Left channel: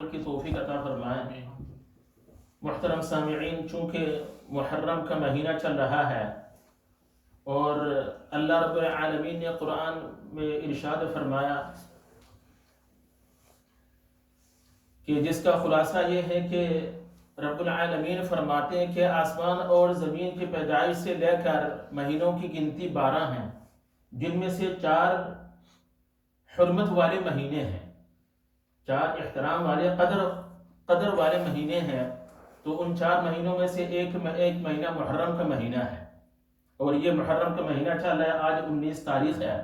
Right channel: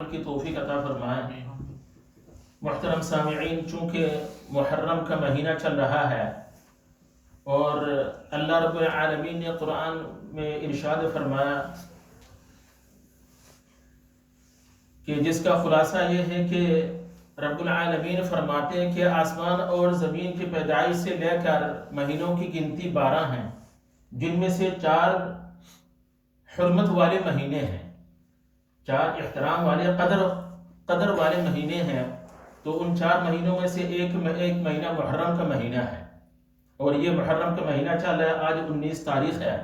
کی توفیق عطا فرمائے۔ محترم سامعین، چونکہ محرم کا مہینہ چل رہا ہے اور اللہ رب العالمین نے قرآن میں ارشاد فرمایا کہ جس کا خلاصہ یہ ہے کہ رب العالمین فرماتے ہیں کہ آسمان اور زمین کی پیدائش سے لے کر مہینوں کی گنتی 12 ہیں، جن میں سے 4 حرمت والے مہینے ہیں، 4 احترام والے قدر والے مہینے ہیں۔ تو ان 4 مہینوں میں سے ایک مہینہ محرم کا مہینہ ہے، اور یہ محرم کا مہینہ چل رہا ہے، آج 19 تاریخ ہے،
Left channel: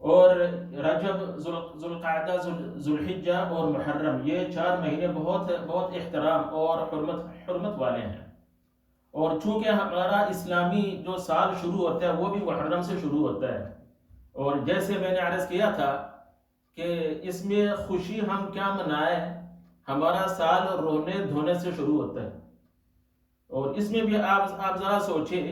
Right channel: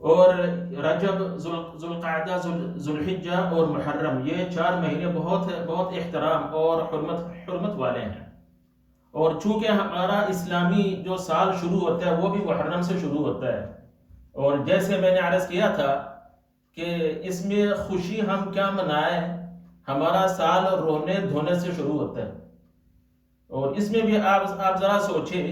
اور رجب، ذوالقعدہ، ذوالحجہ اور محرم، یہ 4 مہینے بہت احترام اور حرمت والے ہیں۔ اور چونکہ ہمارا اسلامی جو سال شروع ہوتا ہے وہ بھی محرم سے شروع ہوتا ہے، اور جیسے میں نے عرض کیا تھا کہ اس میں خوشی ہم کیا منائیں، ہمارا سال رونے دھونے سے شروع ہوتا ہے، اور اس میں بھی آپ ذرا سوچیں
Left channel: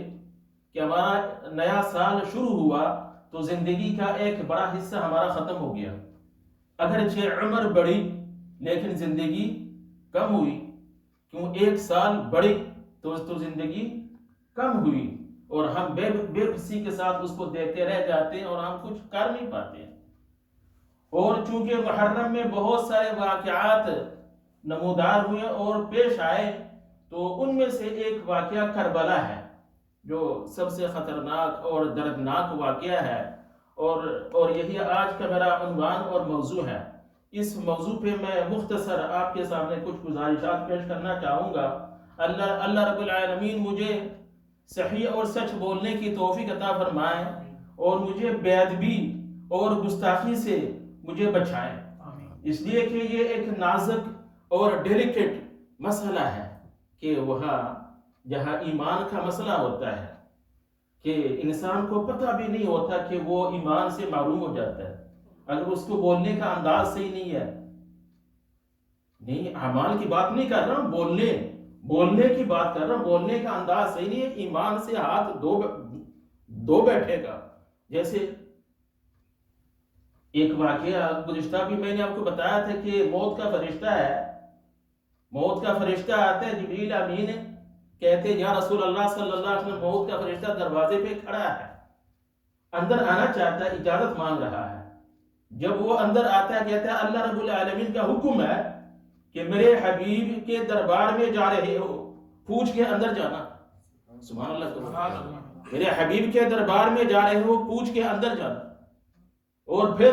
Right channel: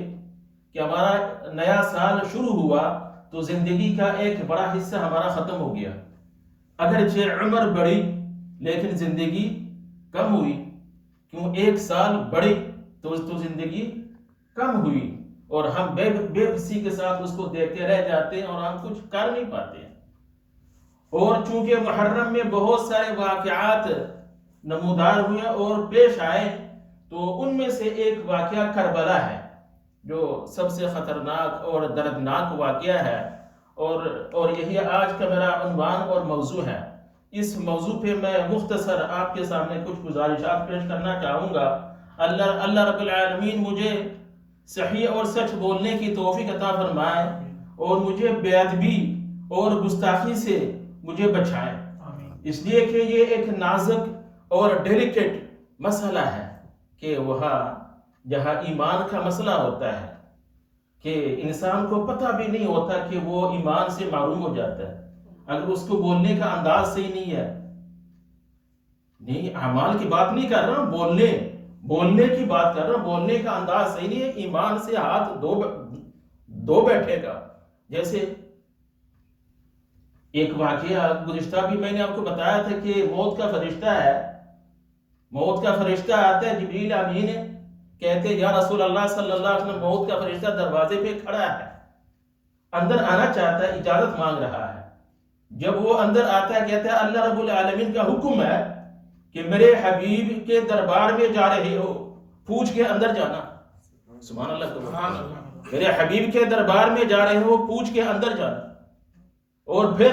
کہ ہمارا نیا سال شروع ہوا تو زندگی کا ایک بڑا حصہ ہمارا ختم ہو گیا، اگرچہ عمر بڑھی لیکن زندگی کم ہوئی، کیوں 1 سال بڑھی تو زندگی کم ہوئی، اور ہم بے بسی کے ساتھ اس کو دیکھتے رہ جاتے ہیں اور ہم کچھ کر نہیں پاتے ہیں۔ اور چونکہ محرم میں بہت سارے واقعات نمودار ہوئے اور پیش آئے، تو ان میں سے ایک واقعہ کربلا ہے جو سب سے خطرناک اور دردناک واقعہ ہے، اور یہی آج کا میرا عنوان اور موضوع ہے۔ اس موضوع پہ میں مختصر آپ کے سامنے کچھ گزارشات پیش کرنا چاہوں گا۔ اللہ رب العالمین مجھے صحیح اور سچ بولنے کی توفیق عطا فرمائے، اور مجھے بے ادبی اور گستاخی سے مجھے بچائے، اس لیے کہ یہ ایک نازک اور ڈیلیکیٹ مسئلہ ہے کہ وہاں جہاں ایمان کا مسئلہ ہوتا ہے کہ انسان کو پتہ بھی نہیں ہوتا کہ وہ ایمان سے محروم ہو جاتا ہے اگر اس کو بولنے کا انداز صحیح نہیں ہے۔ نہیں، اعمال کی بات نہیں کر رہا ہوں، بولنے کی بات کر رہا ہوں، بولنے کا انداز صحیح نہیں ہے، ایمان سے ہاتھ دو بیٹھے گا۔ جیسے ایک واقعہ گزشتہ بھی میں نے آپ کو بتایا تھا کہ موت کا فرشتہ آتا ہے، جبریل امین کہتے یا رسول اللہ صلی اللہ علیہ وسلم، موت کا فرشتہ دروازے پہ کھڑا ہے، اندر آنا چاہتا ہے، اجازت مانگ رہا ہے۔ جب وہ اندر آتا ہے کہتا ہے اللہ رب العالمین کا حکم ہے کہ میرے حبیب کے دربار میں جا رہے ہو، پوچھ کے اندر جانا۔ سبحان اللہ، میرے حبیب کے دربار میں جا رہے ہو، پوچھ کے اندر جانا۔ اور پھر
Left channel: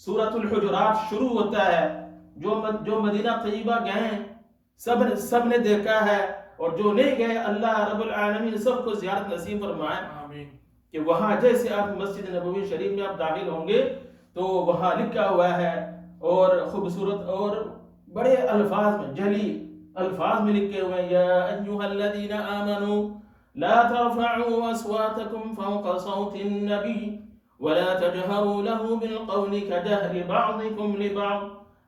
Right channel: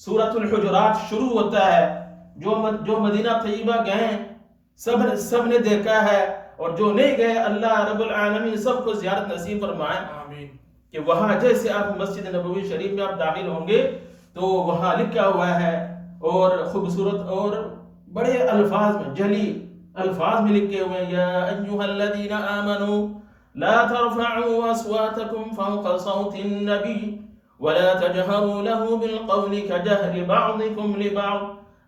سورۃ الحجرات شروع ہوتا ہے، جو مدینہ طیبہ گئے سب نے دیکھا ہے، اور جو نہیں گئے اللہ رب العالمین سب کو زیارت نصیب فرمائے کہ وہاں جیسے آپ مسجد نبوی شریف میں آپ داخل ہوں گے تو وہاں لکھا ہوا ہے، اور خوبصورت اور بڑے الفاظ میں، جلی الفاظ میں لکھے ہوئے ہیں، یا ایھا الذین آمنوا لا ترفعوا اصواتکم فوق صوت النبی ولا تجهروا له بالقول كجهر بعضكم لبعض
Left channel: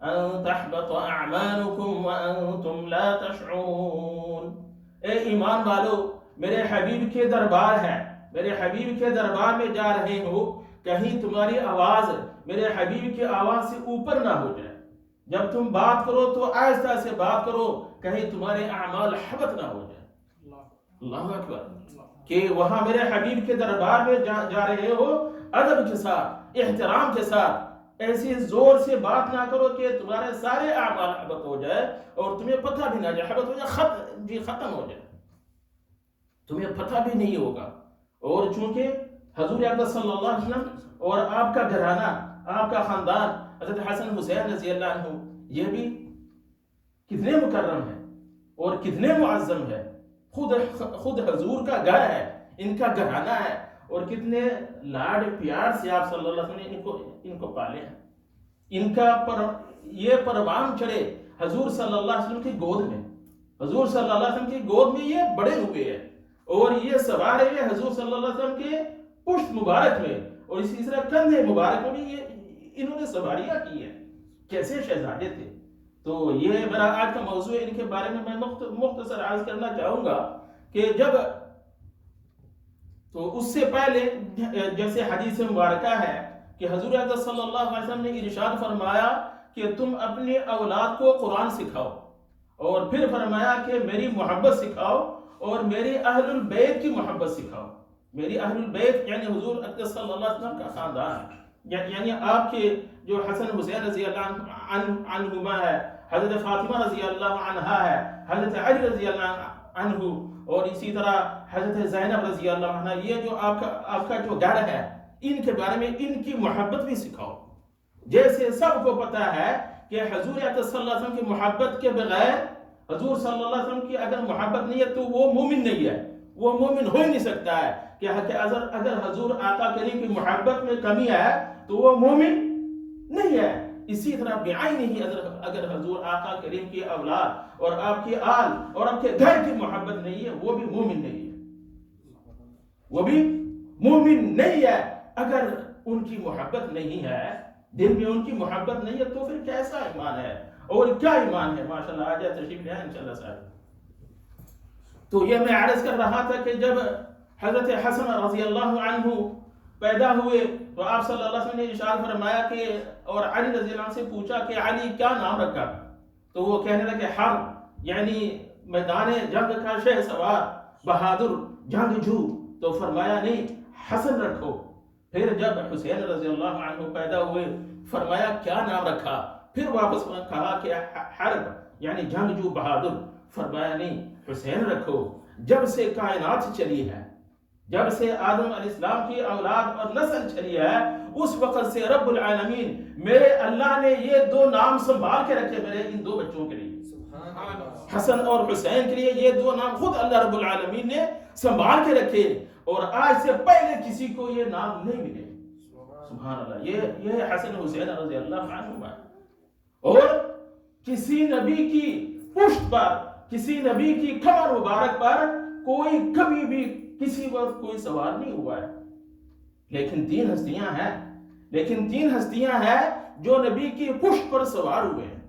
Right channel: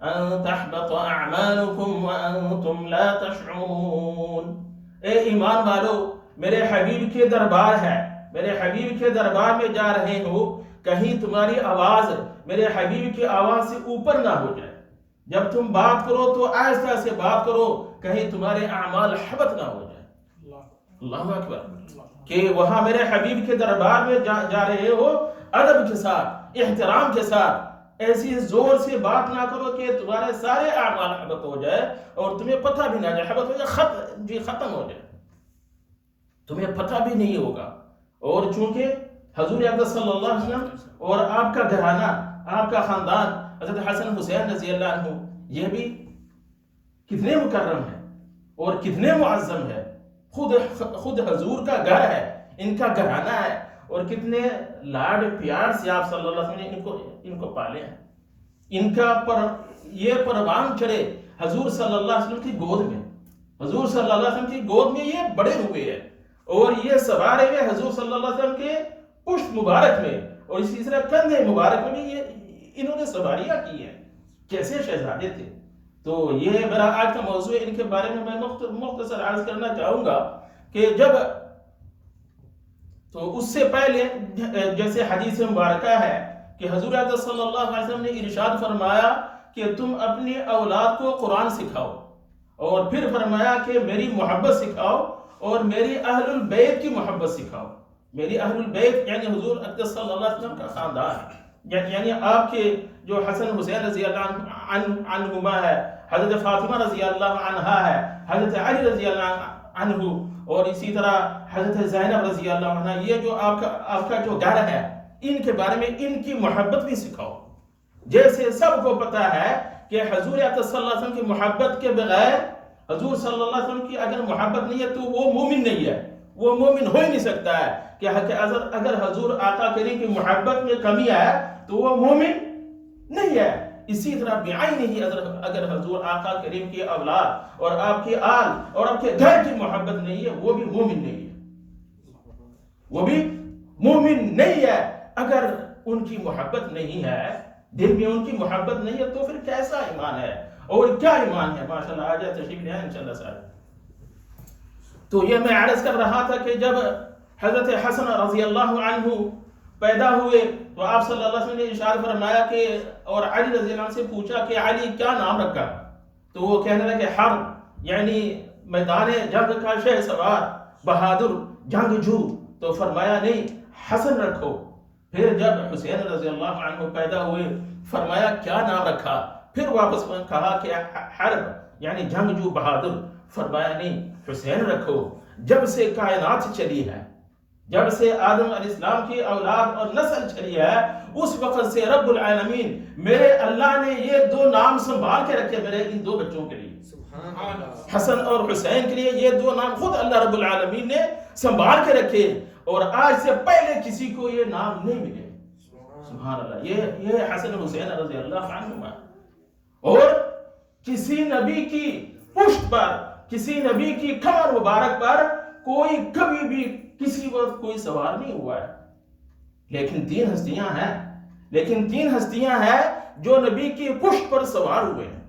ان تحبط اعمالكم وانتم لا تشعرون۔ اے ایمان والو، میرے حبیب کے دربار ہے، میرے حبیب کے دربار میں جا رہے ہو، کہیں تمہاری آواز میرے حبیب کی آواز سے اوپر نہ ہو جائے، جب تم بات کرو تو آہستہ سے بات کرو، کہیں تمہارے اعمال حبط نہ ہو جائے۔ اللہ اکبر، کہ وہاں میرے حبیب کے دربار میں جا رہے ہو، ادب کے ساتھ، احترام کے ساتھ، ایسی زور سے بات نہ کرو کہ تمہارے سارے اعمال حبط ہو جائے اور تمہیں پتہ بھی نہ جائے، حبط ہو جائے، ختم ہو جائے، تمہیں پتہ بھی نہیں ہوگا۔ اور چونکہ حضور اقدس صلی اللہ علیہ وسلم اور آپ کا گھرانہ، آپ کا خاندان، حضرت حسن حسین رضی اللہ عنہ، یہ بھی کتنے مکرم ہیں اور کتنے معظم ہیں، خود حضور کا گھر ہے، ان کا گھرانہ ہے، اور کتنے لاڈ پیار سے آپ صلی اللہ علیہ وسلم نے ان کو پالے ہیں۔ ان کا یہ پروان چڑھے حضور صلی اللہ علیہ وسلم کی گود میں، حضور صلی اللہ علیہ وسلم کی گود میں یہ بڑے ہوئے ہیں، اور یہ سوارے ہوئے حضور صلی اللہ علیہ وسلم کے پشت مبارک میں، اور اسی طرح کندھے مبارک میں بھی انہوں نے سواریاں کی ہیں، کیسے شہزادے تھے۔ تو یہ میرا آج کا موضوع ہے، ان کے بارے میں مختصر عرض کرنا چاہوں گا کہ تو اس سے پہلے جیسے حدیث مبارکہ ہے کہ حضور اقدس صلی اللہ علیہ وسلم نے ارشاد فرمایا کہ تم اپنی اولاد کو قرآن سکھاؤ، اور پھر فرمایا کہ میری محبت سکھاؤ اور میری اہل البیت کی محبت سکھاؤ۔ میری اہل البیت یعنی حضور اقدس صلی اللہ علیہ وسلم کا خاندان، یعنی آپ کے جو حسن حسین رضی اللہ عنہما ہے، حضرت فاطمہ رضی اللہ عنہا ہے، حضرت علی رضی اللہ عنہ، اور اسی طرح حضرت زینب رضی اللہ عنہ، یہ جو آپ کا جو گھر ہے، ان کے بارے میں ان کی محبت بھی سکھاؤ۔ جیسے سب کو پتا ہے کہ حضور اقدس صلی اللہ علیہ وسلم کی محبت کے بغیر، حضور صلی اللہ علیہ وسلم کی اگر محبت نہیں ہے تو وہ مومن نہیں ہے، وہ مومن ہو ہی نہیں سکتا ہے کہ اگر حضور آقا کریم کی محبت میں کمی ہے تو وہ مومن نہیں ہے۔ اسی طرح بعینہ ہی اگر حضور آقا کریم کی اولاد اور آپ کی آل اور آپ کے گھر کی محبت نہیں ہے، وہ بھی مومن نہیں ہے، وہ بھی مومن نہیں ہے۔ اگر ان کی محبت نہیں ہے، دل میں ان کی محبت نہیں ہے، تو پھر کیسا ایمان ہے اور کیا ایمان ہے؟ ماشاءاللہ آ جائے، تشریف لے آئیں انشاءاللہ صاحب۔ تو یہ میں عرض کر رہا تھا کہ جب حضرت حسن رضی اللہ عنہ پیدا ہوئے تو آپ صلی اللہ علیہ وسلم نے ارشاد فرمایا کہ، اور علی رضی اللہ عنہ سے پوچھا کہ علی کیا نام رکھا؟ تو وہ کہنے لگے حرب، یعنی میدان جنگ کا شہ سوار، بہادر جنگجو۔ تو فرمایا نہیں، حسن رکھو۔ پھر جب حسین رضی اللہ عنہ پیدا ہوئے فرمایا کیا نام رکھا؟ پھر واپس کہا کہ حرب یعنی جنگجو بہادر۔ فرمایا نہیں، حسین رکھو۔ جب سے کائنات چلی ہے، جب سے آدم علیہ السلام کی اولاد اور نسل چلی ہے، اس وقت سے رب العالمین میرے اللہ نے یہ دو نام سنبھال کے رکھے میرے ان دو بچوں کے لیے، حسن اور حسین کے لیے۔ یہ دو نام خود اللہ رب العالمین نے سنبھال کے رکھے، اور آج سے پہلے کسی کو یہ نام نہیں ملے۔ سبحان اللہ، یہ حسن حسین رضی اللہ عنہما۔ اور کسی نبی کی پشت پر، کسی نبی کی کمر مبارک پر کوئی کبھی بھی کسی وقت کوئی سوار نہیں ہوا ہے، لیکن تین ہستیاں ہیں جو نبی کی پشت پر سوار ہوئے ہیں۔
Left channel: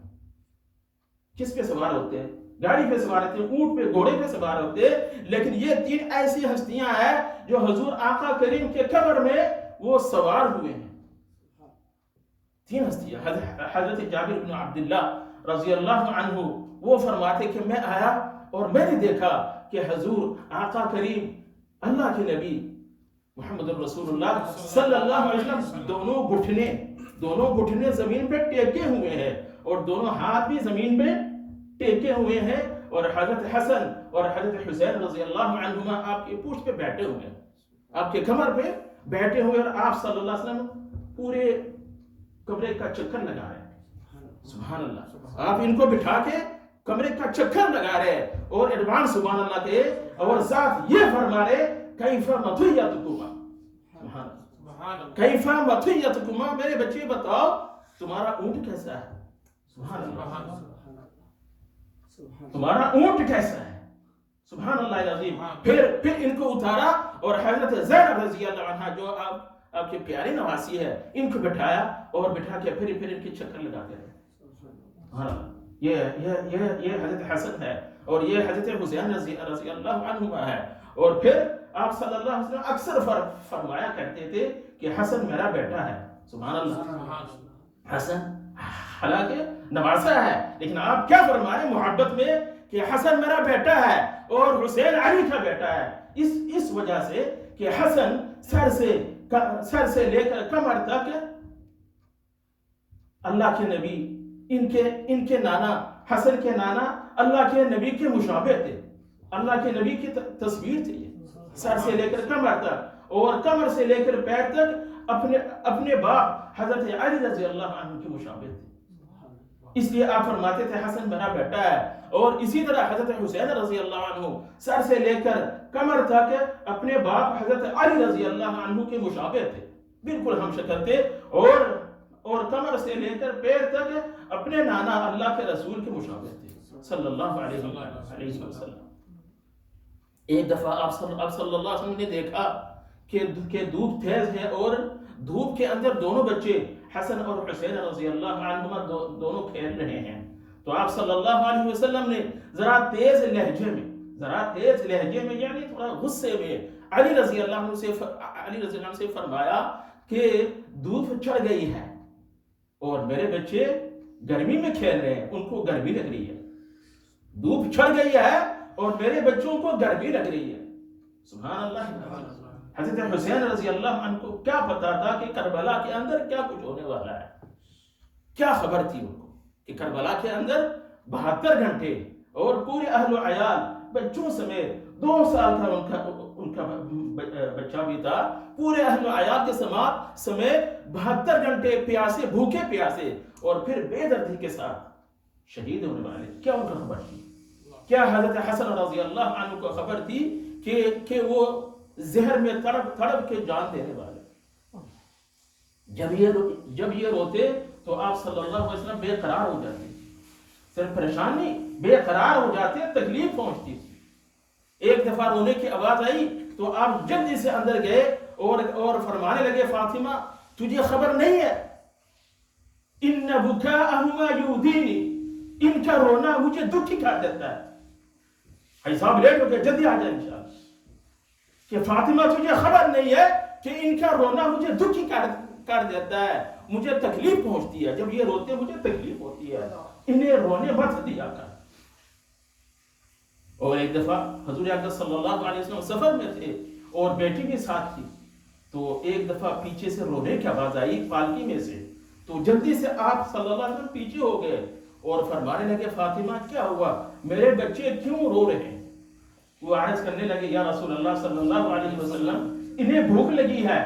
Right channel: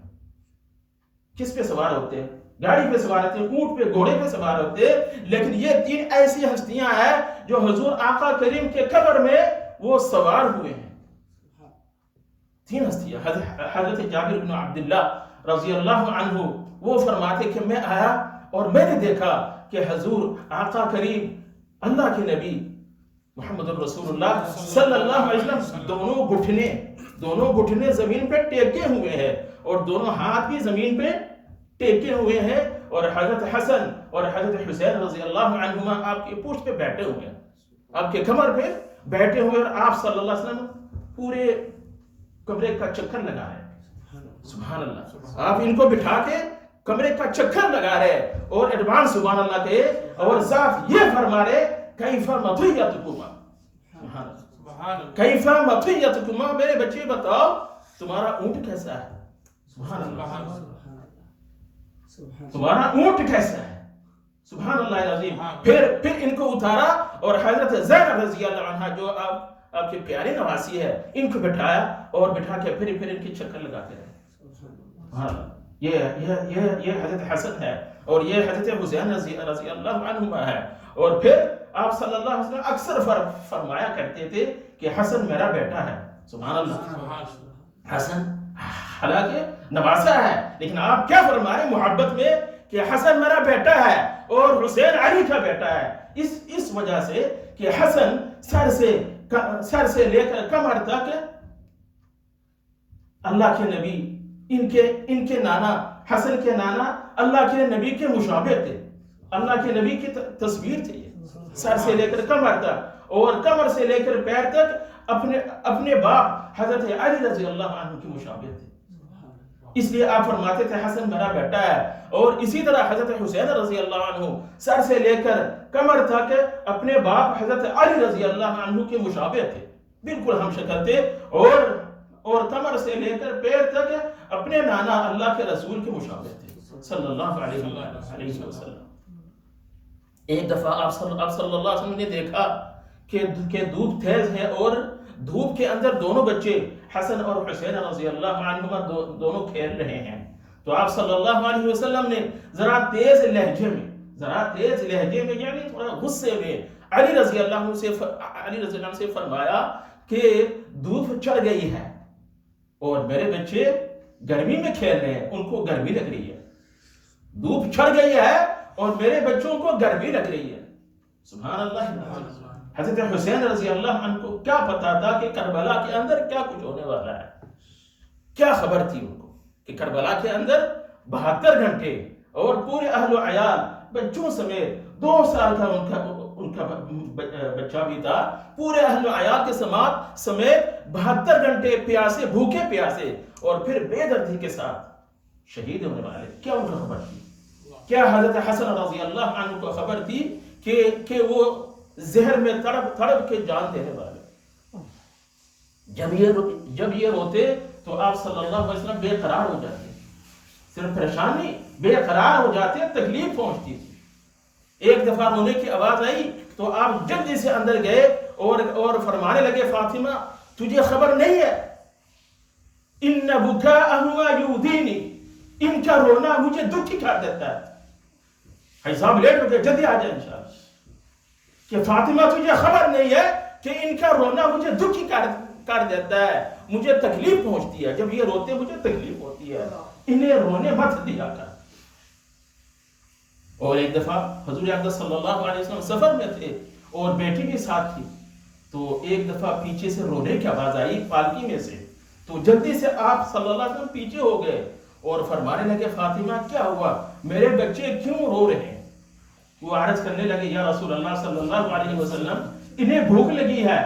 کس پہ سوار ہوتے ہیں؟ گاڑی پہ سوار ہوتے ہیں، اونٹ پہ، گھوڑے پہ سوار ہوتے ہیں، لیکن یہ تین ایسی ہستیاں ہیں جو حضور آقا کریم کے قبر میں وہ سوار ہوئے ہیں۔ تین ہستیاں۔ حضرت جابر بن عبداللہ رضی اللہ عنہ وہ فرماتے کہ میں آیا اور میں نے دیکھا کہ حضور آقا کریم اللہ کے نبی محمد الرسول اللہ صلی اللہ علیہ وسلم دونوں گھٹنے زمین پہ ٹیکے ہوئے ہیں، اور دونوں ہاتھ بھی زمین پہ ٹیکے ہوئے ہیں، اور حضرت حسن اور حضرت حسین رضی اللہ عنہما آپ کی پشت پہ بیٹھے ہوئے ہیں، آپ کے کمر پہ بیٹھے ہوئے، اور آپ صلی اللہ علیہ وسلم پورے کمرے کا چکر لگا رہے ہیں۔ سبحان اللہ، آپ ان کو بٹھا کے کمرے کا چکر لگا رہے اور ایڈوانس سبحان اللہ کے، اور ساتھ یہ فرما رہے کیف مطیتکما، کیف مطیتکما، میرے بچے بتاؤ تمہارا اونٹ کیسا ہے؟ سبحان اللہ، تمہارا اونٹ کیسا ہے؟ سبحان اللہ العظیم۔ پھر ان کو اتارا اور حضرت زینب رضی اللہ عنہ جو آپ کی پیاری نواسی ہے، ان کو بٹھایا اور بٹھا کے پھر ان کی چکر لگاتے رہے۔ یہ حضرت حسن ہے اور یہ حضرت حسین رضی اللہ عنہما ہے۔ اور پھر آپ صلی اللہ علیہ وسلم اکثر فرمایا کرتے تھے کہ حسن میرا بیٹا ہے۔ سبحان اللہ، حسن حالانکہ نواسا ہے، لیکن آپ کیا فرما رہے ہیں محبت میں کہ حسن میرا بیٹا ہے اور حسین علی کا بیٹا ہے۔ اس وجہ سے کہ حسن سر سے لے کر کمر تک اللہ کے نبی، ان کے نانا، حسن کے نانا اللہ کے نبی کے مشابہ تھے، اللہ کے نبی کی تصویر تھی، سر سے لے کر کمر تک، اور کمر سے لے کر پیر تک اپنے باپ حضرت علی رضی اللہ عنہ کی مشابہ تھے۔ اس لیے آپ فرماتے تھے حسن میرا بیٹا ہے۔ اور اسی طرح حضرت حسین رضی اللہ عنہ سر سے لے کر کمر تک اپنے باپ حضرت علی رضی اللہ عنہ کے مشابہ تھے، بالکل ہم شکل تھے، اور کمر سے لے کر پیر تک اپنے نانا اللہ کے رسول کے مشابہ تھے صلی اللہ علیہ وسلم۔ ایک دفعہ آپ صلی اللہ علیہ وسلم نے دیکھا کہ دھوپ تیز ہے اور دھوپ کے اندر دونوں بچے حسن اور حسین رضی اللہ عنہما دونوں کھیل رہے ہیں، تو آپ صلی اللہ علیہ وسلم نے ذرا تیز لہجے میں یعنی تھوڑا غصے میں علی رضی اللہ عنہ سے فرمایا کہ دھوپ چڑھ گئی ہے اور میرے بچے گرمی میں کھیل رہے ہیں، ان کو گرمی لگ رہی ہے، دھوپ چڑھ گئی ہے اور میرے بچوں کو گرمی لگ رہی ہے. سبحان اللہ. حضرت حسین رضی اللہ عنہ کو کیا پتا تھا کہ کربلا کے اندر کیا کچھ ہونے والا ہے؟ کیا خبر تھی ان کو کہ کربلا کے اندر 72 گھنٹے اور پورے اہل و عیال بچوں سمیت 2 سال کا ان کا بچہ بھی تھا، پورے اہل و عیال کے سمیت 72 گھنٹے پیاسے، بھوکے پیاسے اور پھر بے دردی کے ساتھ شہید ہونے والے. کیا ان کو خبر تھی؟ کیا حضرت حسن رضی اللہ عنہ کو خبر تھی کہ وہ زہر میں تڑپ کے جان دینے والے؟ جب یہ روتے تو آپ صلی اللہ علیہ وسلم بے قرار ہو جاتے، صرف پریشان نہیں، بے قرار ہو جاتے، تکلیف پہنچتی تھی. ایک دفعہ رونے کی آواز آئی تو آپ جلدی سے اندر گئے اور فرمانے لگے فاطمہ تجھے خبر نہیں ہے، ان بکاءہما یؤذینی، ان کا رونا مجھے دکھی کر دیتا ہے. بھائی صاحب لیٹ ہو گئے، جلدی آ جائے انشاءاللہ. کہ فاطمہ تجھے خبر نہیں ہے کہ ان کا رونا مجھے دکھی کر دیتا ہے، مجھے تکلیف پہنچتی ہے، جب یہ روتے مجھے تکلیف ہوتی ہے، انہیں رونے مت دیا کر. اور ایک دفعہ حضور اقدس صلی اللہ علیہ وسلم سفر میں تھے اور بیٹی بھی ساتھ تھی، تو ایک دفعہ پیچھے سے رونے کی آواز آئی پالکی میں سے، تو جلدی سے آپ صلی اللہ علیہ وسلم پیچھے ہو گئے اور فرمانے لگے فاطمہ کیا ہوا، میرے بچے کیوں رو رہے ہیں؟ وہ عرض کرنے لگے یا رسول اللہ صلی اللہ علیہ وسلم انہیں بھوک لگی ہے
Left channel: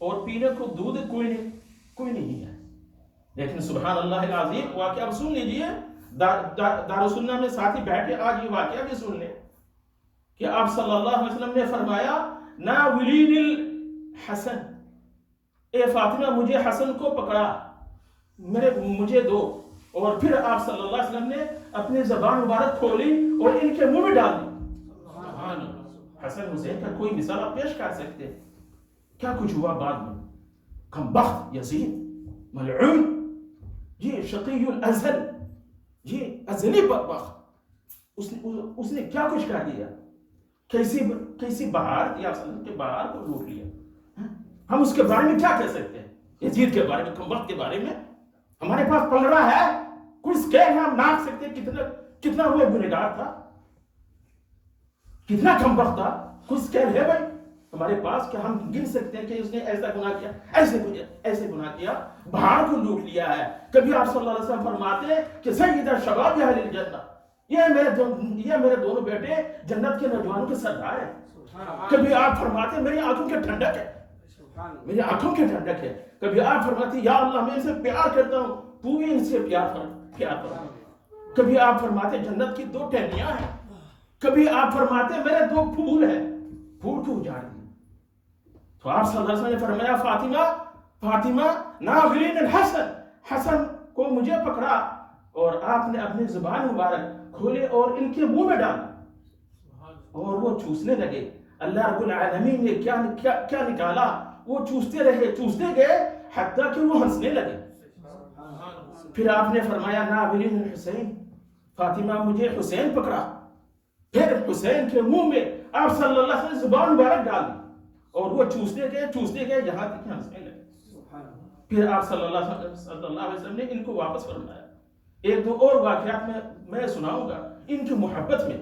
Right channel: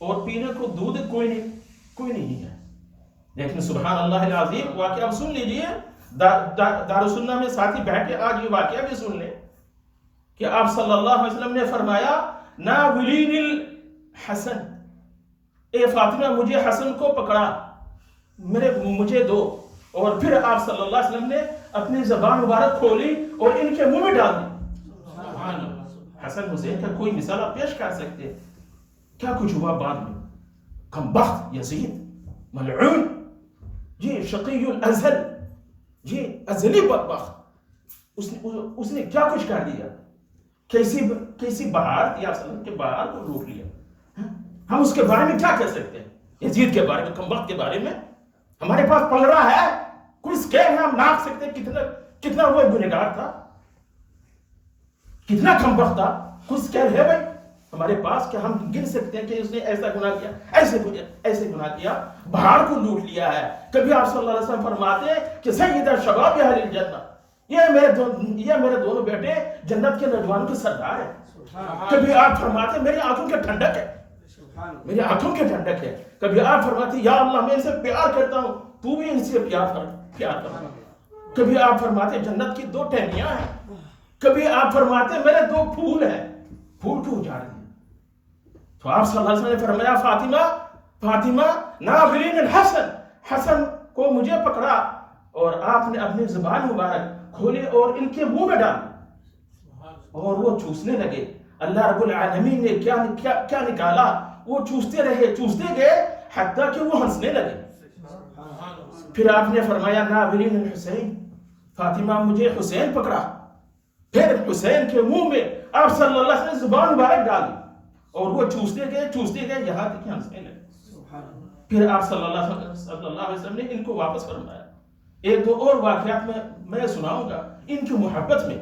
اور پینے کو دودھ کوئی نہیں ہے. لیکن سبحان اللہ العظیم واقعہ اب سن لیجئے، دارالسنہ میں ساتھی بیٹھے آج یہ واقعہ بھی سن لیں کہ آپ صلی اللہ علیہ وسلم نے فرمایا ناولین الحسن، اے فاطمہ مجھے حسن کو پکڑا، مجھے دو. اور پھر آپ صلی اللہ علیہ وسلم نے اپنی زبان مبارک کھولی اور ان کے منہ میں ڈال دی. حسن حسین کا کوئی مثال آپ پیش کر سکتے؟ کیا کچھ ہوا بعد میں؟ کم بخت یزید ملعون، جی شقی الازل، جی ازلی بدبخت، اس نے کیا کچھ کر دیا؟ کیسی بہار تھی آپ صلی اللہ علیہ وسلم کے بہار کو لوٹ لیا. ہم اس کے بارے میں کیا کہہ سکتے ہیں؟ یزید کے بارے میں، کم بخت کے بارے میں ہمارے پاس پلڑا ہے، کوئی سکیل ہے، ہم ناپ سکتے کتنا وہ گنہگار تھا، کتنا کم بخت تھا. کوئی سکیل ہے بھائی ہمارے پاس کہ ہم گن سکتے ہیں کہ اس نے ایسا گناہ کیا، ایسے گناہ کیا، بہار کو لوٹ لیا ہے. کبھی آپ صلی اللہ علیہ وسلم فرماتے ہیں کہ سید شباب اہل الجنہ، یہ میرے دونوں بیٹے جنت کے نوجوانوں کے سردار ہیں. کبھی آپ فرماتے میری آنکھوں کے ٹھنڈک ہے، میری آنکھوں کے ٹھنڈک ہے. کبھی آپ فرماتے یا اللہ میں ان سے پیار کرتا ہوں، تو بھی ان سے پیار کرتا. کبھی آپ فرماتے جنت کی 2 ٹہنیاں ہیں. کبھی آپ فرماتے میرے 2 پھول ہیں، پھول کو اجاڑ دیا. تو آپ صلی اللہ علیہ وسلم نے فرمایا فاطمہ ناظرین الحسن، حسن کو مجھے پکڑا، اور آپ نے اپنی زبان مبارک کھولی اور ان کے منہ میں ڈالی اور وہ چوسنے لگے. اللہ رب العالمین نے کیا نکالا، وہ چوستے گئے حتیٰ کہ وہ ہنسنے لگے. پھر آپ نے فرمایا ناظرین الحسین، فاطمہ مجھے حسین پکڑا. پھر حسین کے منہ میں آپ صلی اللہ علیہ وسلم زبان مبارک ڈالی اور وہ چوستے گئے یہاں تک ہنسنے لگے. پھر آپ صلی اللہ علیہ وسلم نے ان کو واپس فرمایا. 1-2 اور واقعات میں سناؤں گا ان کی محبت میں.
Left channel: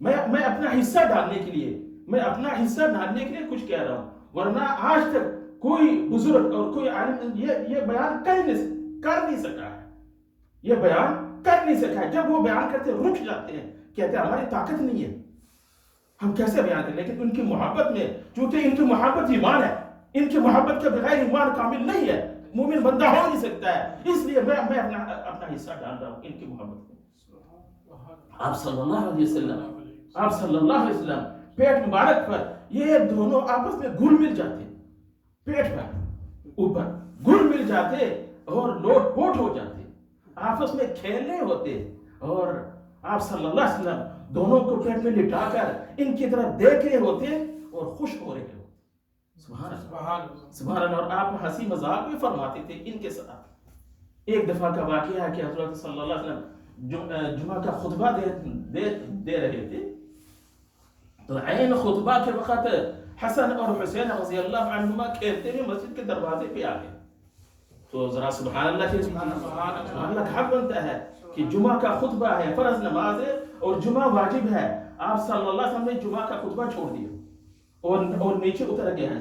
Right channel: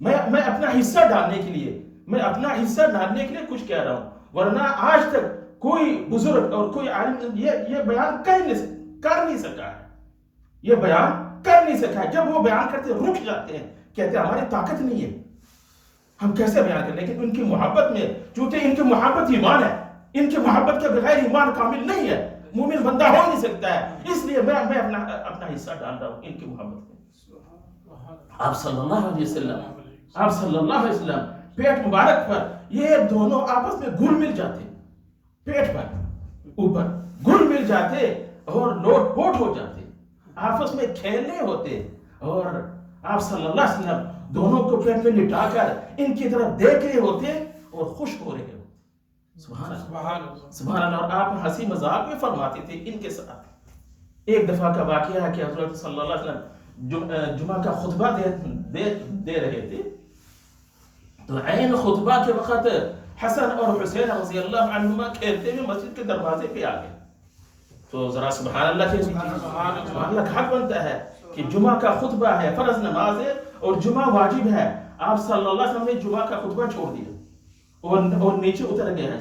میں اپنا حصہ ڈالنے کے لیے کچھ کہہ رہا ہوں، ورنہ آج تک کوئی بزرگ اور کوئی عالم یہ بیان کر نہیں سکا ہے. یہ بیان کر نہیں سکا ہے. جب وہ بیان کرتے رک جاتے ہیں، کہتے ہیں ہماری طاقت نہیں ہے، ہم کیسے بیان کریں. لیکن ان کی محبت میں، چونکہ ان کی محبت ایمان ہے، ان کی محبت کے بغیر ایمان کامل نہیں ہے، مومن بندہ ہو نہیں سکتا ہے. اس لیے میں اپنا حصہ ڈال رہا ہوں ان کی محبت میں. آپ صلی اللہ علیہ وسلم پیٹ مبارک پر یہ دونوں آپس میں گھل مل جاتے، پیٹ پر اوپر گھل مل جاتے اور لوٹ پوٹ ہو جاتے، آپس میں کھیلنے ہوتے، اور آپ صلی اللہ علیہ وسلم دونوں کو پیٹ میں لٹا کر ان کی طرف دیکھ رہے ہوتے اور خوش ہو رہے ہوتے. سبحان اللہ. اور آپ ہنسی مذاق بھی فرماتے تھے ان کے ساتھ. ایک دفعہ کا واقعہ ہے کہ حضرت صلی اللہ علیہ وسلم جمعہ کا خطبہ دے رہے تھے، تو عین خطبہ کے وقت حسن اور حسین رضی اللہ عنہما کھیلتے ہوئے مسجد کے دروازے پہ آ گئے. تو ذرا سبحان اللہ کہہ دیجیے. سبحان اللہ کا حق بنتا ہے کہ جمعہ کا خطبہ ہے، فرض نماز ہے اور جمعہ واجب ہے. آپ صلی اللہ علیہ وسلم نے جمعہ کا خطبہ چھوڑ دیا اور نیچے اتر گئے ہیں.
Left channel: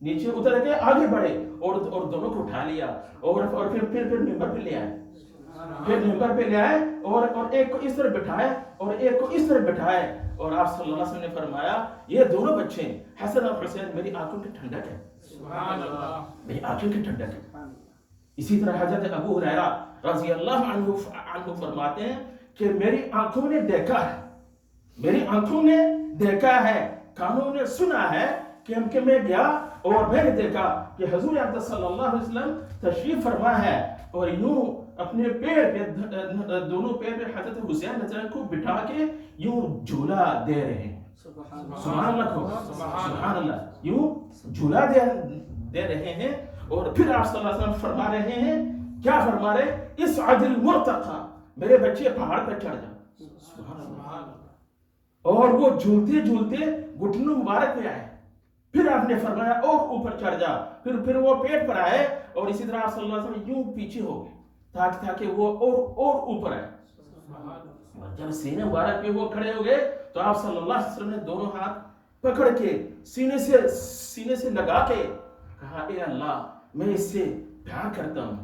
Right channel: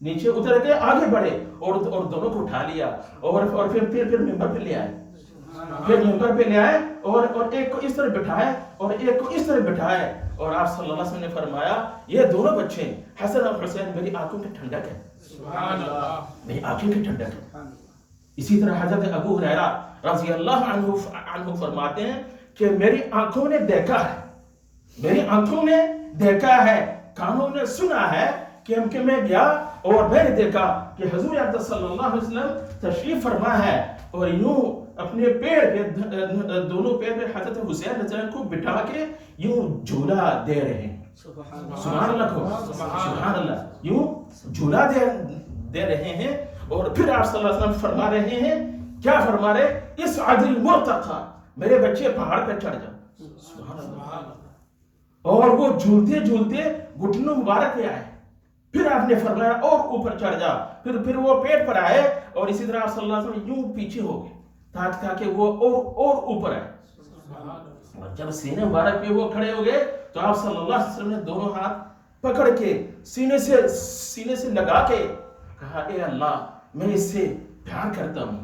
نیچے اتر گئے، آگے بڑھے اور دونوں کو اٹھا لیا اور پھر ممبر پہ لے آئے. پھر ممبر پہ لے آئے اور ایک کو اس طرح بٹھائے اور ایک کو اس طرح بٹھائے اور آپ صلی اللہ علیہ وسلم نے فرمایا یہ دونوں بچے حسن اور حسین میری آنکھوں کی ٹھنڈک ہے. سبحان اللہ، میری آنکھوں کی ٹھنڈک ہے. اسی طرح حضرت ابو ہریرہ رضی اللہ عنہ فرماتے ہیں کہ میری آنکھوں نے دیکھا ہے، میری آنکھوں نے دیکھا ہے، کانوں نے سنا ہے کہ میں گیا اور میں نے دیکھا کہ حضور اقدس صلی اللہ علیہ وسلم تشریف فرما ہے اور یوں اپنے پیر پہ دونوں پیر پہ حضرت حسین رضی اللہ کو بٹھا کے یوں جھولا دے رہے ہیں. سبحان اللہ کو سبحان اللہ، یوں جھولا دے رہے ہیں. اور پھر آپ صلی اللہ علیہ وسلم فرما رہے ہیں، کیا فرما رہے؟ اس عدل مرتقا، میرے بچے پہاڑ پہ چڑھ جاؤ. سبحان اللہ. اور وہ جھولتے جھولتے گھٹنوں مبارک پہ آئے. پھر آپ نے فرمایا اور اوپر چڑھ جا. پھر وہ پیٹ پر آئے اور اسی طرح آپ صلی اللہ علیہ وسلم یوں پیچھے ہو گئے تاکہ وہ اور اوپر آئے. اور جب سینے مبارک پہ وہ کھڑے ہو گئے تو آپ صلی اللہ علیہ وسلم نے دونوں ہاتھ پکڑ کے سینے سے لگا کے کہا اے اللہ میں اس سے پیار کرتا ہوں،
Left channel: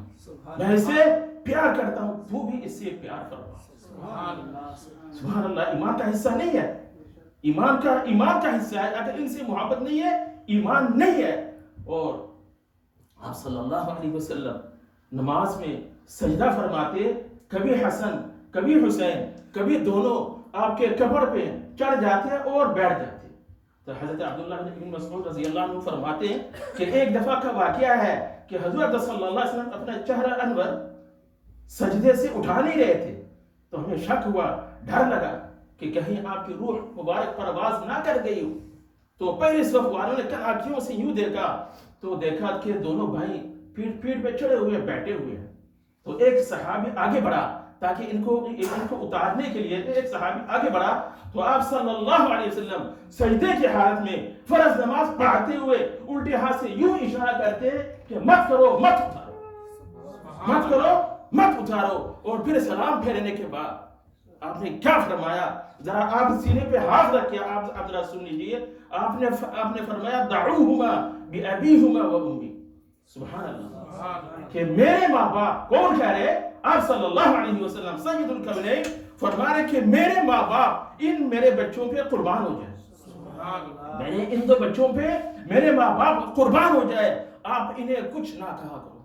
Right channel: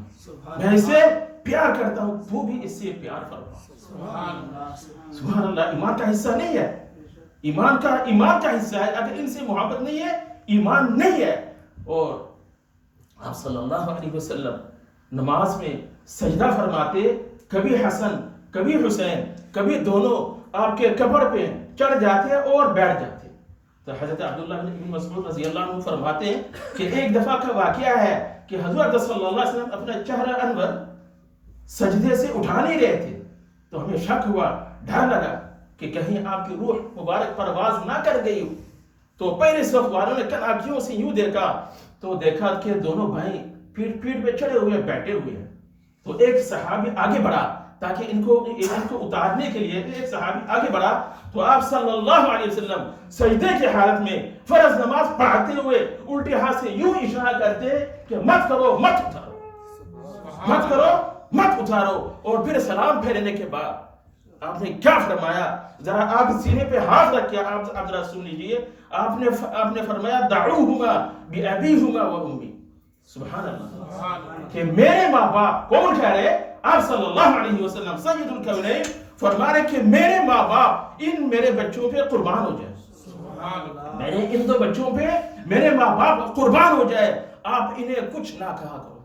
میں اس سے پیار کرتا ہوں، تو بھی اس سے پیار فرما. سبحان اللہ. ایمان کا حصہ نہیں ہے، ایمان کا حصہ ہے. اگر ان سے محبت نہیں ہے ایمان نہیں ہے. اور آپ صلی اللہ علیہ وسلم نماز میں سجدہ فرماتے، کبھی حسن کبھی حسین کبھی دونوں آپ کے کمر پہ چڑھ جاتے اور بیٹھ جاتے. تو حضرت عبداللہ بن مسعود رضی اللہ عنہ فرماتے ہیں کہ ایک دفعہ کا واقعہ ہے کہ حضرت صلی اللہ علیہ وسلم اپنا چہرہ انور سجدے سے اٹھا نہیں رہے تھے. تو ہمیں شک ہوا، ڈر لگا کہ کہیں آپ کی روح مبارک پرواز نہ کر گئی ہو. تو پہلے صف والوں نے کن آنکھوں سے یوں دیکھا تو دیکھا کہ دونوں بھائی پیٹ پہ چڑھے ہوئے بیٹھے ہوئے ہیں. تو ایک صحابی آگے بڑھا تاکہ ان کو اتارنے کے لیے ایک صحابی آگے بڑھا. تو آپ صلی اللہ علیہ وسلم سجدے کی حالت میں فرض نماز پڑھاتے ہوئے الٹے ہاتھ سے یوں اشارہ کرتے کہ مت کرو مت اتارو، مت کرو مت اتارو. اور پھر سلام پھیرنے کے بعد آپ نے کیا فرمایا؟ ذرا آپ سینے پہ ہاتھ رکھ کے آپ ذرا سن لیجئے. آپ نے فرمایا دعوہما بأبیہما و امی. سبحان اللہ. کہ میرے ماں باپ، کون کہہ رہے؟ آپ صلی اللہ علیہ وسلم سید الکونین فرما رہے کہ میرے ماں باپ ان میرے بچوں پہ قربان ہو جائے. میرے ان دو بچوں پہ میرے ماں باپ قربان ہو جائے. آپ انہیں کچھ نہ کہا کرو،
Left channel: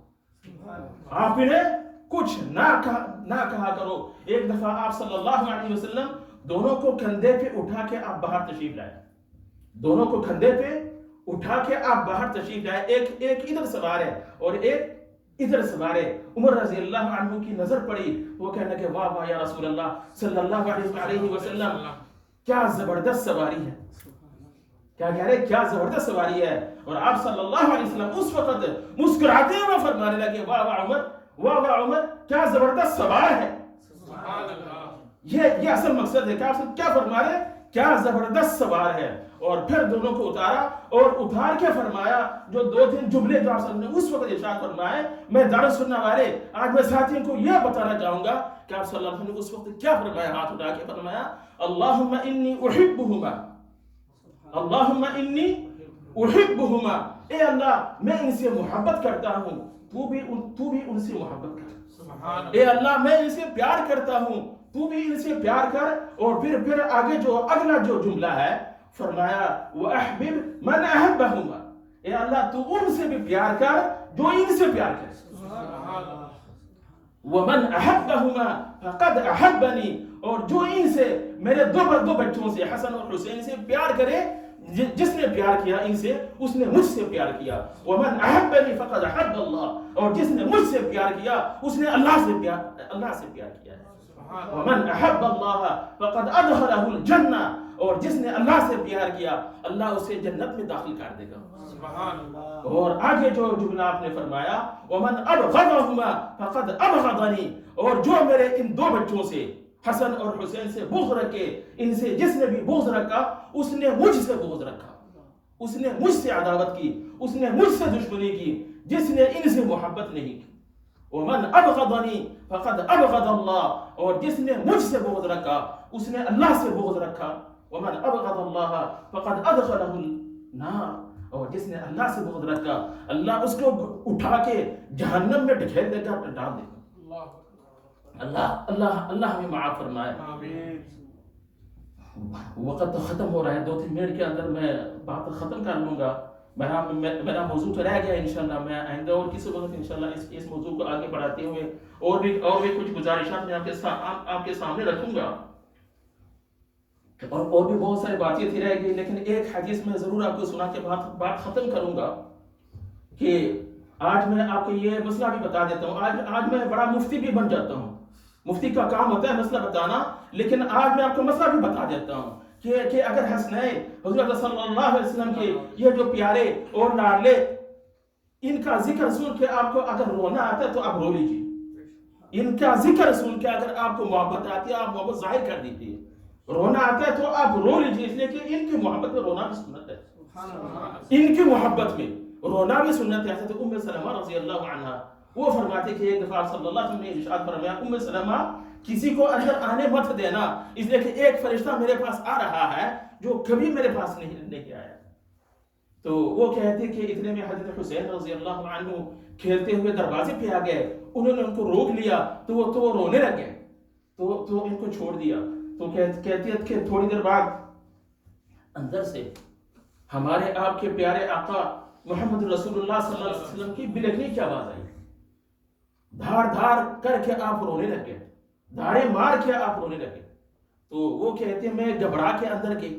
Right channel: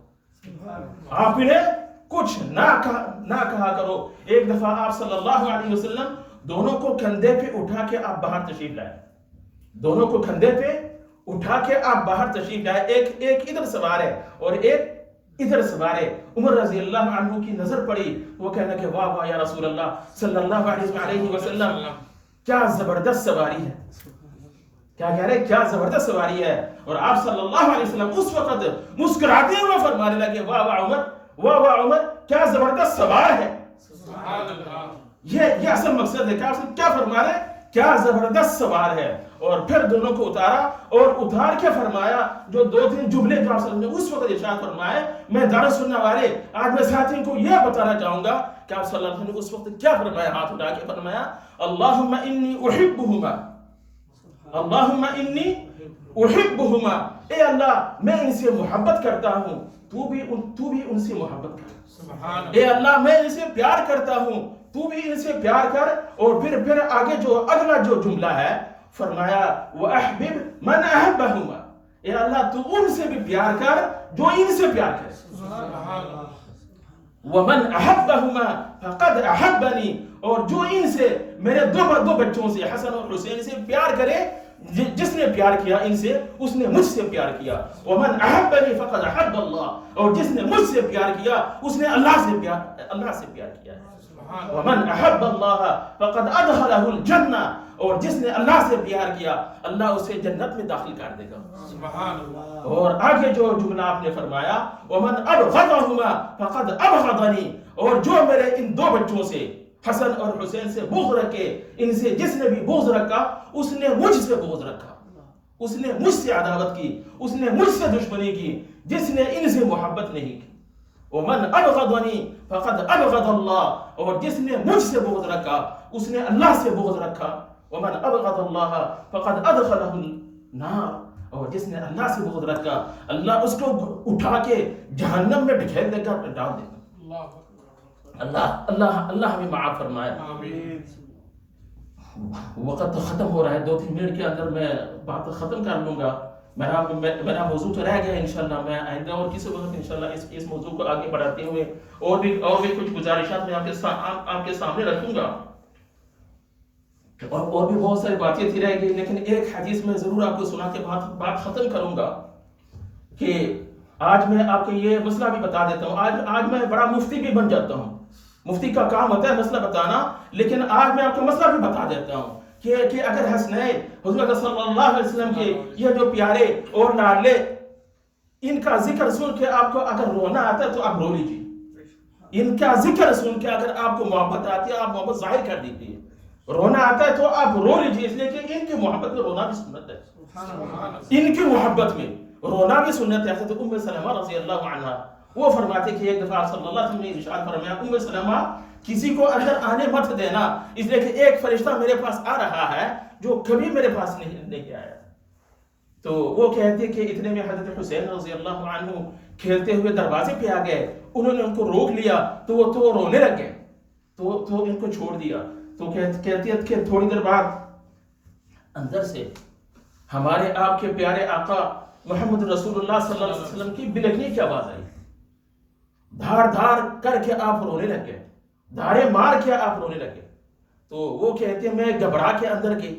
آپ انہیں کچھ نہ کہا کرو. ایک دفعہ آپ صلی اللہ علیہ وسلم دونوں کو کندھے پہ اٹھا کے آپ باہر تشریف لائے. دونوں کو کندھے پہ اٹھا کے آپ باہر تشریف لائے. ایک ادھر سوار ہے اور ایک ادھر سوار ہے. عمر رضی اللہ عنہ کی نظر پڑی، وہ کہنا کہ واہ واہ یا رسول اللہ صلی اللہ علیہ وسلم، کیا زبردست سواری ہے. کیا کہہ رہے؟ کیا زبردست سواری ہے. اور آپ صلی اللہ علیہ وسلم اس وقت مسکراتے ہوئے فرمانے لگے واہ واہ عمر، واہ واہ عمر، کیا زبردست سوار ہے. یہ اصل مقصد ہے کہ آپ کیا فرما رہے؟ کیا زبردست سوار ہے. اور پھر دونوں کو اتارا اور اتار کے فرمایا جو دو تین جملے جو آپ صلی اللہ علیہ وسلم نے اس وقت ارشاد فرمائے. میں درس سننے والے آج میں ساتھیوں کو یہ بتانا چاہوں گا کہ آپ صلی اللہ علیہ وسلم نے اس وقت کیا فرمایا. ہاتھ اٹھا کے فرمایا اللہم انی احبہما، اللہم انی احبہما، اے اللہ میں ان سے محبت کرتا ہوں، تو بھی ان سے محبت کر. اے اللہ میں ان سے پیار کرتا ہوں، تو بھی ان سے پیار کر. اور پھر آگے جو اگلا جو جملہ ہے فرمایا وَأَحْبِبْ مَنْ أَحْبَهُمَا، اے اللہ تو ان سے بھی پیار کر جو ان سے پیار کر. وَمَنْ أَحَبَّهُمَا فَقَدْ أَحَبَّنِي، اور جو ان سے میرے دو بچوں سے حسن اور حسین سے پیار کرے، جس نے پیار کیا ان سے اس نے مجھ سے پیار کیا. وَمَنْ أَحَبَّنِي فَقَدْ أَحَبَّ اللَّهُ، اور جس نے مجھ سے پیار کیا اس نے اللہ سے پیار کیا ہے. وَمَنْ أَحَبَّ اللَّهَ فَقَدْ أَدْخَلَهُ الْجَنَّةَ، اور جس نے اللہ سے پیار کیا اللہ اسے جنت میں داخل کر دے گا. سبحان اللہ. اور آگے جو جملہ آپ نے فرمایا وَمَنْ أَبْغَضَهُمَا فَقَدْ أَبْغَضَنِي، اور جو میرے ان دو بچوں سے حسن اور حسین سے بغض رکھے، ان سے جس نے بھی بغض رکھا اس نے مجھ سے بغض رکھا، اس نے مجھ سے عداوت کی، اس نے مجھ سے دشمنی کی جس نے ان سے محبت نہیں کی. ومن ابغضنی فقد ابغض اللہ، اور جس نے مجھ سے بغض رکھا اس نے اللہ سے بغض رکھا. ومن ابغض اللہ فقد ادخلہ النار، اور جس نے اللہ سے بغض رکھا اللہ اس کو اٹھا کے جہنم میں ڈھکیل دے گا، ڈال دے گا. اللہ ہمیں معاف فرمائے. وقت ختم ہو رہا ہے، 2-3 منٹ کے اندر میں بات ختم کر لوں گا. میرا موضوع تو رہ گیا انشاءاللہ. میں آئندہ اور کسی وقت انشاءاللہ اس موضوع کو آگے بڑھاتے ہوئے اور بھی کچھ گزارشات میں آپ کے سامنے رکھوں گا، اور بھی بہت ساری باتیں تھی رہ گئی. لیکن ایک حدیث میں ضرور آپ کو سنا کے بات ختم کروں گا کہ آج میں آپ کو یہ مسئلہ بھی بتا دیتا ہوں. آج میں بڑا مفتی بھی بن جاتا ہوں. مفتی کا کام ہوتا ہے مسئلہ بتانا، لیکن آج میں آپ کو مسئلہ بھی بتا دیتا ہوں کہ اگر حسنین حضرت صلی اللہ علیہ وسلم کے یہ جو پیارے اور لاڈلے، ان کا ذکر سن کے آپ کو اگر رونا آتا ہے تو آپ رو لیجیے. ان کا ذکر سن کے اگر آپ کو محبت آتی ہے آپ محبت ظاہر کر دیجیے. رونا آتا ہے تو آپ رو لیجیے، اس لیے کہ ان کی محبت میں رونا بھی سنت ہے. ان کی محبت میں رونا بھی سنت ہے. حضرت ام سلمہ رضی اللہ عنہا وہ فرماتے کہ ایک دفعہ صلی اللہ علیہ وسلم نے ارشاد فرمایا، ام سلمہ کسی کو اندر آنے مت دینا، اس لیے کہ ایک فرشتہ میرے پاس آ رہا ہے جو کبھی میرے پاس نہیں آیا. تو وہ کہتے کہ اتنے میں حضرت حسین رضی اللہ عنہ کھیلتے ہوئے دروازے پہ آ گئے. انہوں نے ان کو روک لیا تو وہ رونے لگ گئے، تو ان کو چھوڑ دیا. تو کہتی ہے کہ تھوڑی دیر بعد اندر سے ہمارے آپ کے پیارے آقا محمد رسول اللہ صلی اللہ علیہ وسلم کی بلکنے کی آواز آئی. دھار کر کے آپ رونے لگ گئے، دھارے مار کے آپ رونے لگے. تو وہ کہتے ہیں میں گھبرا کے اندر گئی،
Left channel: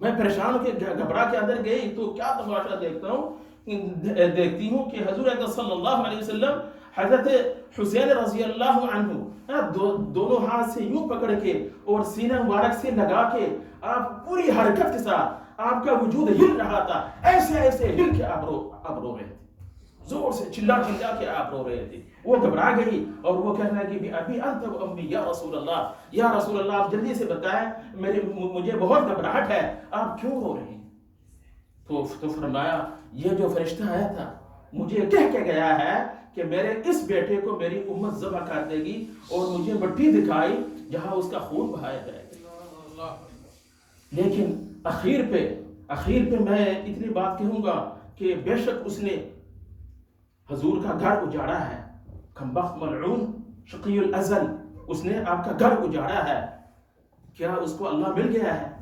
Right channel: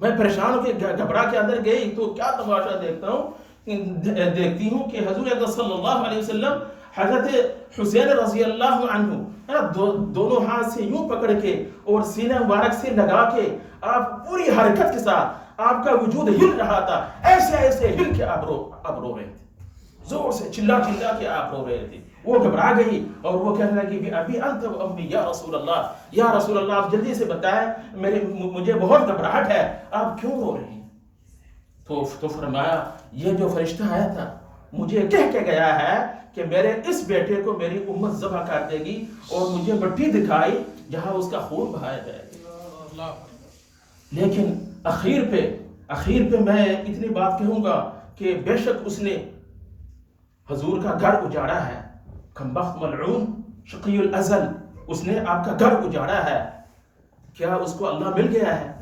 میں پریشان ہو کے گھبرا کے اندر گئی تو کیا تماشا دیکھتی ہوں کہ حضور اکرم صلی اللہ علیہ وسلم حضرت حسین رضی اللہ عنہ دونوں ہاتھ سے یوں پکڑ کے اور سینہ مبارک سے لگا کے آپ پوری حرکت کے ساتھ آپ کا وجود ہل رہا تھا، ایسے ہل کے آپ رو رہے تھے، زور سے چلا کے آپ رو رہے تھے. وہ گھبرا گئی اور وہ کہنے لگی کہ ابھی انت و امی یا رسول اللہ آپ جلدی سے بتائیں، مجھے بہت گھبراہٹ ہے، آپ کیوں رو رہے ہیں؟ تو فرمایا یہ جو فرشتہ آیا تھا مجھے کہہ کے گیا ہے کہ میرے اس بیٹے کو میری امت ذبح کر دے گی اور مجھے مٹی دکھائی جہاں اس کا خون بہایا جائے گا. لیکن اخیر پہ میں اتنی بات کہوں گا کہ بے شک اس نے حضور کا گھر اجاڑا ہے، کمبخت ملعون شقی الازل، اس نے آپ کا گھر اجاڑا ہے. کیا اس کو اللہ مل گیا ہے؟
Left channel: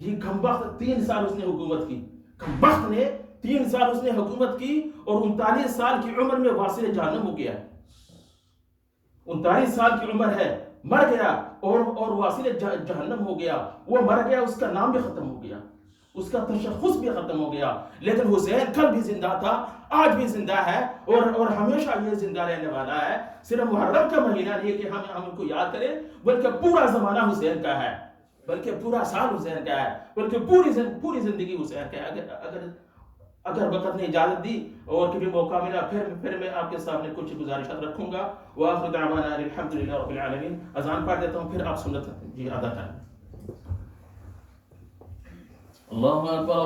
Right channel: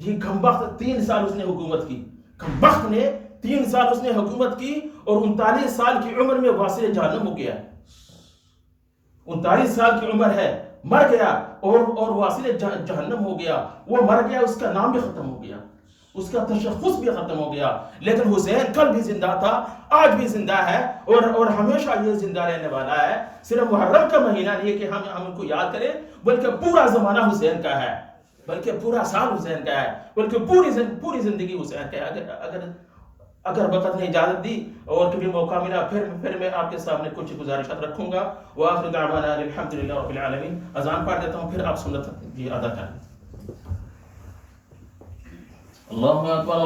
یہ کمبخت 3 سال اس نے حکومت کی. کمبخت نے 3 سال اس نے حکومت کی اور 39 سال کی عمر میں واصل جہنم ہو گیا. 39 سال کی عمر ہے، مر گیا اور واصل جہنم ہو گیا. وہ مر گیا، اس کا نام بھی ختم ہو گیا، اس کا تشخص بھی ختم ہو گیا. لیکن حسین کل بھی زندہ تھا، آج بھی زندہ ہے اور ہمیشہ یہ زندہ رہنے والا ہے. صرف محرم کا مہینہ نہیں ہے کہ ہم ان کو یاد کریں، بلکہ پورا زمانہ حسین کا ہے، بلکہ پورا سال حسین کا ہے، بلکہ پوری زندگی حسین کا ہے. اگر وقت نے اجازت دی اور کبھی موقع ملا پھر میں آپ کے سامنے کچھ گزارشات رکھوں گا. وآخر دعوانا الحمدللہ رب العالمین. اذان پڑھ دیتا ہوں پھر آپ سنت ادا کریں. اللہ اکبر.